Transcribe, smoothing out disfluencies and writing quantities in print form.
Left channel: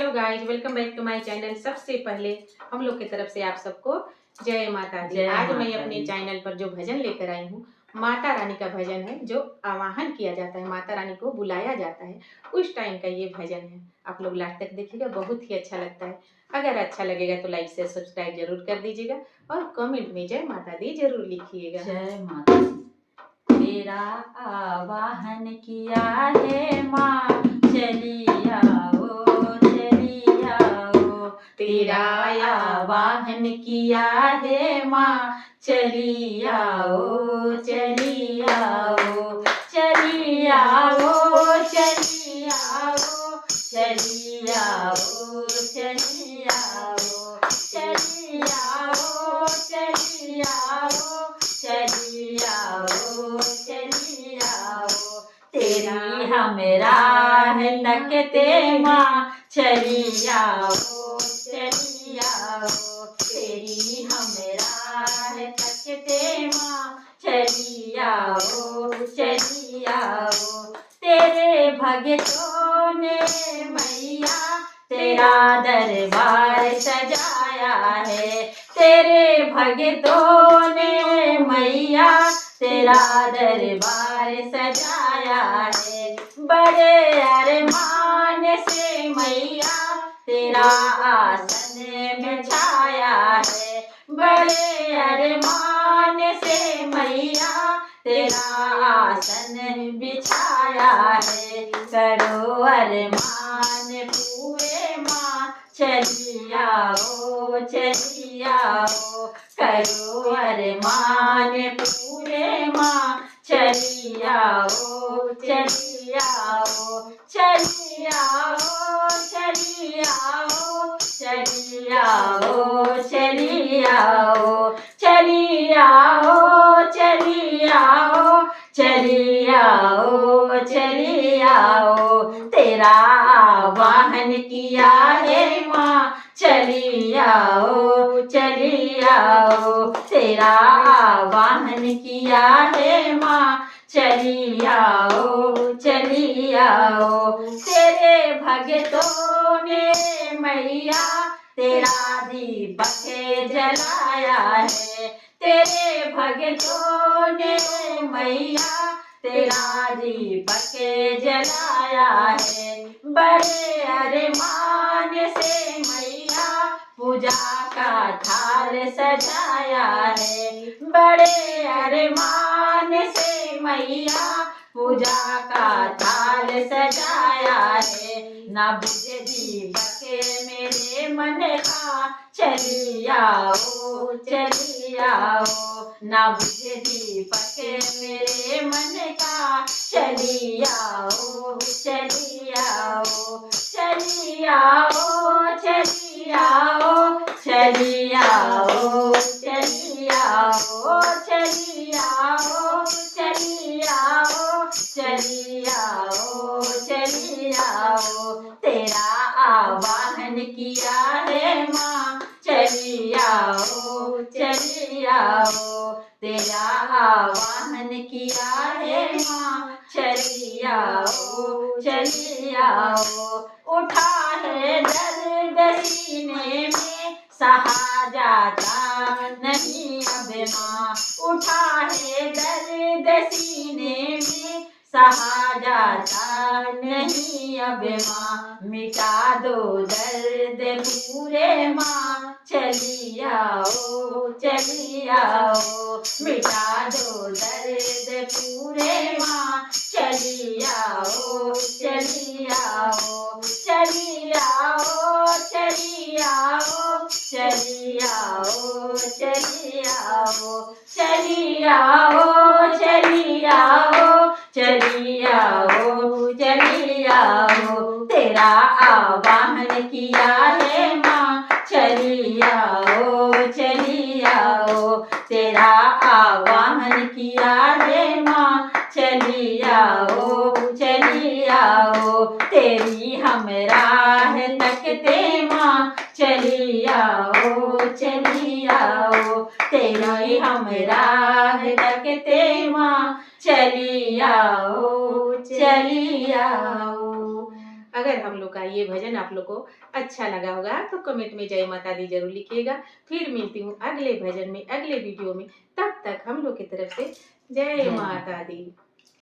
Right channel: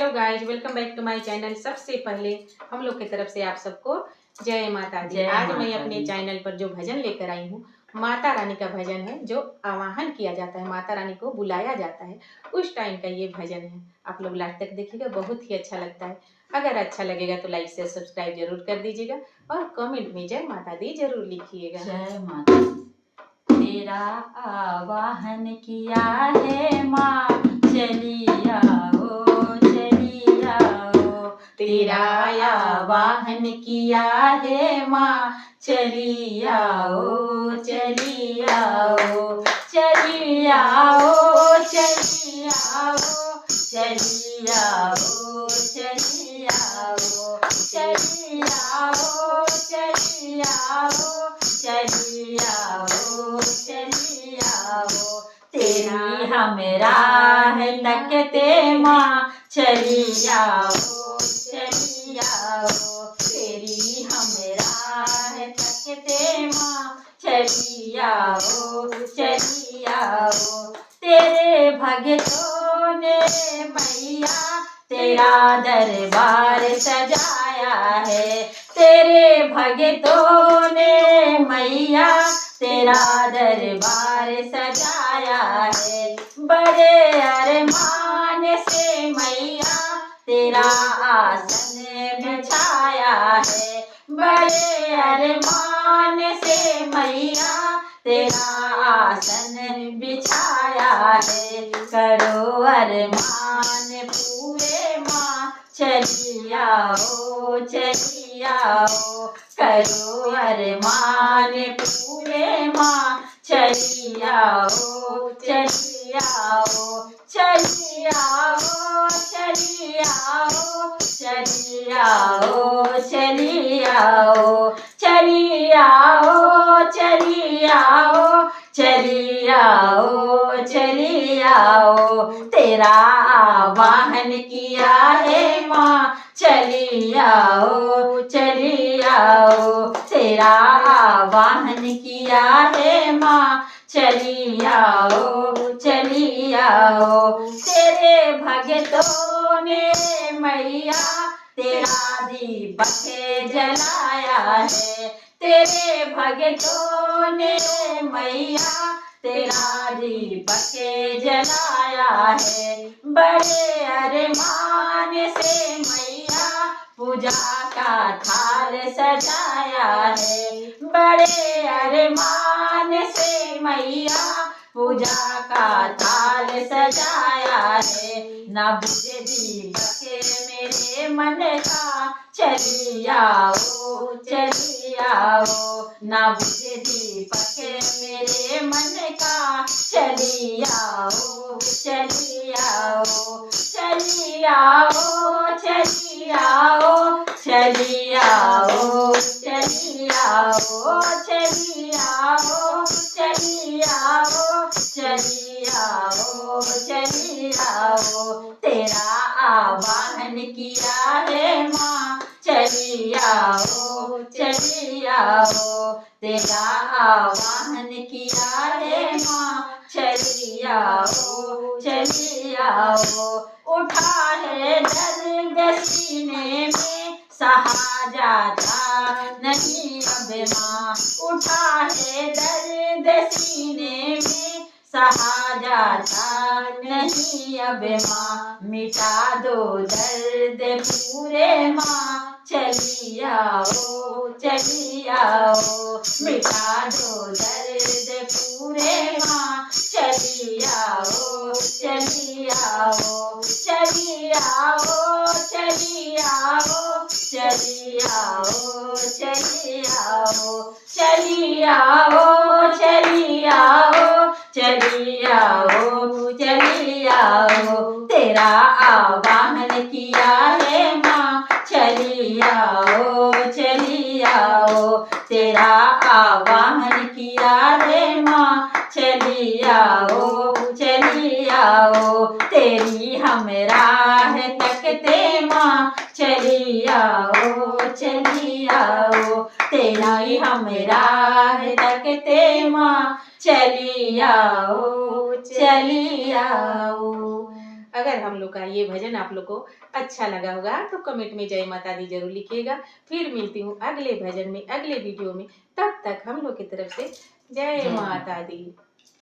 Hello guys, welcome back to my channel. सबसे पहले हम लोग की तरफ से आप सबको जय माता दी। जय आज मैं माता अपने दी। चैनल पर जो भजन लेकर आई हूँ, माता रानी का भजन है। जो आवाहन किया जाता है, माता रानी को बुलाया जाता है, उस टाइम का ये भजन है। आप लोग लास्ट तक देखिएगा, बहुत ही अच्छा लगता है। अगर अच्छा लगेगा तो लाइक से सब्सक्राइब जरूर कर दीजिएगा और कमेंट में जय माता दी जरूर लिखिएगा। जय माता दी। तेरा आवाहन किया है माँ, चली आओ चली आओ। तेरा आवाहन किया है माँ, चली आओ चली आओ। चली आओ चली आओ। चली आओ चली आओ। चली आओ चली आओ। चली आओ चली आओ। तेरी हम राह तकते माँ, चली आओ चली आओ। तेरी हम राह तकते माँ, चली आओ चली आओ। तेरे भगतों ने मैया तेरा दरबार सजाया है। तेरे भगतों ने मैया तेरा दरबार सजाया है। बड़े अरमान से मैया तेरा आसन बिछाया है। बड़े अरमान से मैया तेरा आसन बिछाया है। करो अरमान पूरे माँ, चली आओ चली आओ। करो अरमान पूरे माँ, चली आओ चली आओ। चली आओ चली आओ। चली आओ चली आओ। चली आओ चली आओ। चली आओ चली आओ। तेरा आवाहन किया है माँ, चली आओ चली आओ। तेरा आवाहन किया है माँ, चली आओ चली आओ। तेरे भगतों ने मैया तेरा दीपक जलाया है। तेरे भगतों ने मैया तेरा दीपक जलाया है। बड़े अरमान से मैया पूजा का थाल सजाया है। बड़े अरमान से मैया पूजा का थाल सजाया है। ना बुझे दीपक मेरे मन का, चली आओ चली आओ। ना बुझे दीपक मेरे मन का, चली आओ चली आओ। चली आओ चली आओ। चली आओ चली आओ। चली आओ चली आओ। चली आओ चली आओ। तेरा आवाहन किया है माँ, चली आओ चली आओ। तेरा आवाहन किया है माँ, चली आओ चली आओ। उठा है दर्द सीने में, सहा जाता नहीं अब माँ। उठा है दर्द सीने में, सहा जाता नहीं अब माँ। मिटा दो दर्द पूरे माँ, चली आओ चली आओ। मिटा दो दर्द पूरे माँ, चली आओ चली आओ। चली आओ चली आओ। चली आओ चली आओ। चली आओ चली आओ। चली आओ चली आओ। तेरा आवाहन किया है माँ, चली आओ चली आओ। तेरा आवाहन किया है माँ, चली आओ चली आओ। तेरी हम राह तकते माँ, चली आओ चली आओ। तेरी हम राह तकते माँ, चली आओ चली आओ। अगर हम लोग का ये भजन आप लोग को अच्छा लगा होगा तो कमेंट में जय माता दी जरूर लिखिएगा। फिर मिलती हूँ अगले भजन में, अगले वीडियो में। तब तक हम लोग की तरफ से जय जय माता दी।